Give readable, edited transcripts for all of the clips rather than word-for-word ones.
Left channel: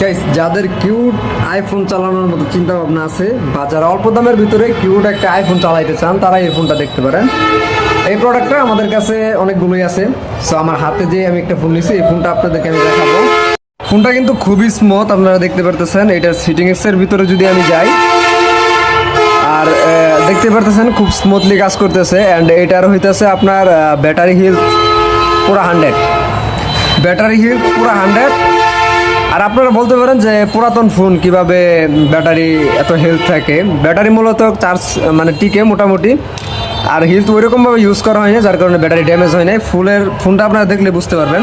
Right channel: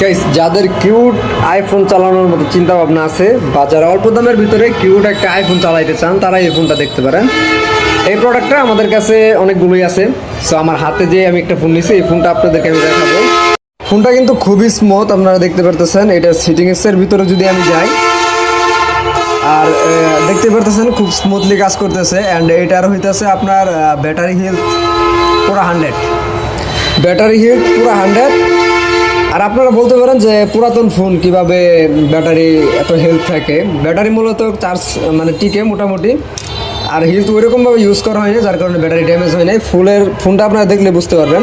Guys, যাদের cute iPhone চালানোর মতো চিন্তা ভাবনা আছে বা যারা অল্প দামের ভিতরে কিউট একটা আইফোন চালাইতে চান তারা এই ফোনটা দেখতে পারেন। এই প্রোডাক্টটা আমাদের কাছে অনেকগুলোই আছে। সো আমার হাতে যে আমি একটা ফোন নিয়েছি, এই ফোনটা আপনাদেরকে আমি দেখাবো। ফোনটা কিন্তু খুবই স্মুথ, আপনারা দেখতে পারতেছেন। এটা সিটিংসের ভিতরে যদি আমি যাই, আর দেখতে পারতেছেন খুব স্মুথলি কাজ করতেছে। অ্যান্ড এটার হইতেছে আপনার ব্যাটারি হেলথ পুরো 100, ব্যাটারি হেলথ পুরো 100। আর আপনারা বলতে পারেন যে পুরাতন ফোন কিভাবে ব্যাটারি এত হেলথ থাকে। ব্যাটারি মূলত চার্জ মানে টিকে মোটামুটি, আর হেলথ ওইরকমভাবে ইউজ করা হয়নি, যার কারণে ব্যাটারি ড্যামেজ হয় নাই। ফোনটা আপনারা দেখলে বুঝতে পারবেন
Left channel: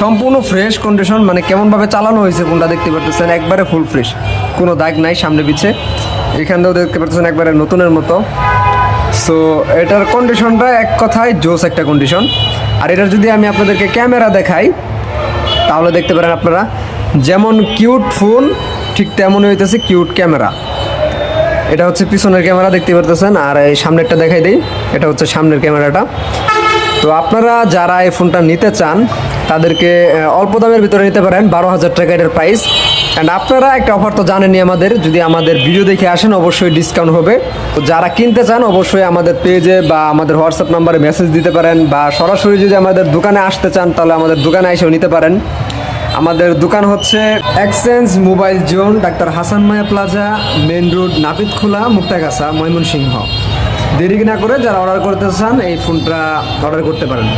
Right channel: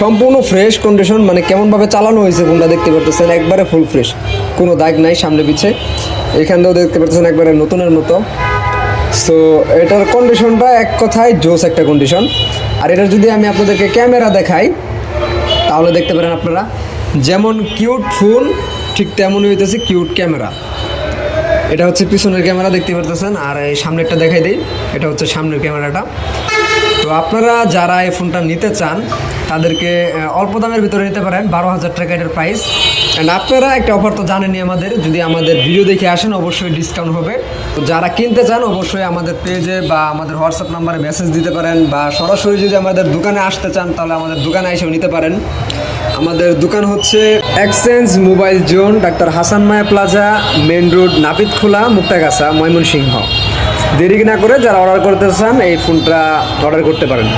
সম্পূর্ণ ফ্রেশ কন্ডিশন, মানে কেমনভাবে চালানো হয়েছে ফোনটা দেখতে পারতেছেন, একবারে ফুল ফ্রেশ, কোনো দাগ নাই সামনে পিছে। এখানটাও দেখতে পাচ্ছেন একবারে নতুনের মতো। সো এটার কন্ডিশনটা এক কথায় জোস একটা কন্ডিশন। আর এটার যদি আমি আপনাদেরকে ক্যামেরা দেখাই তাহলে দেখতে পারেন আপনারা যেমন কিউট ফোন ঠিক তেমনই হইতেছে কিউট ক্যামেরা। এটা হচ্ছে পিছনের ক্যামেরা দেখতে পারতেছেন, আর এই সামনেরটা দেখাই দিই, এটা হচ্ছে সামনের ক্যামেরাটা। তো আপনারা যারা এই ফোনটা নিতে চান তাদেরকে অল্প দামের ভিতরে নিতে পারেন, 12,000 টাকা এটার প্রাইস। অ্যান্ড আপনারা একটা অফার তো জানেনই, আমাদের যদি আমাদের ভিডিও দেখে আসেন অবশ্যই ডিসকাউন্ট হবে। তো যারা কিনতে চান অবশ্যই আমাদের পেজে বা আমাদের হোয়াটসঅ্যাপ নাম্বারে মেসেজ দিতে পারেন, বা সরাসরি যদি আমাদের দোকানে আসতে চান তাহলে আমাদের দোকানে এসেও নিতে পারেন। আমাদের দোকান হচ্ছে exchange mobile zone, doctor Hasan Maya plaza, main road, Napitkhola, Muktagacha, Mymensingh. দেরি না করে যারা অর্ডার করতে চান এই ফোনটা অর্ডার করতে পারেন।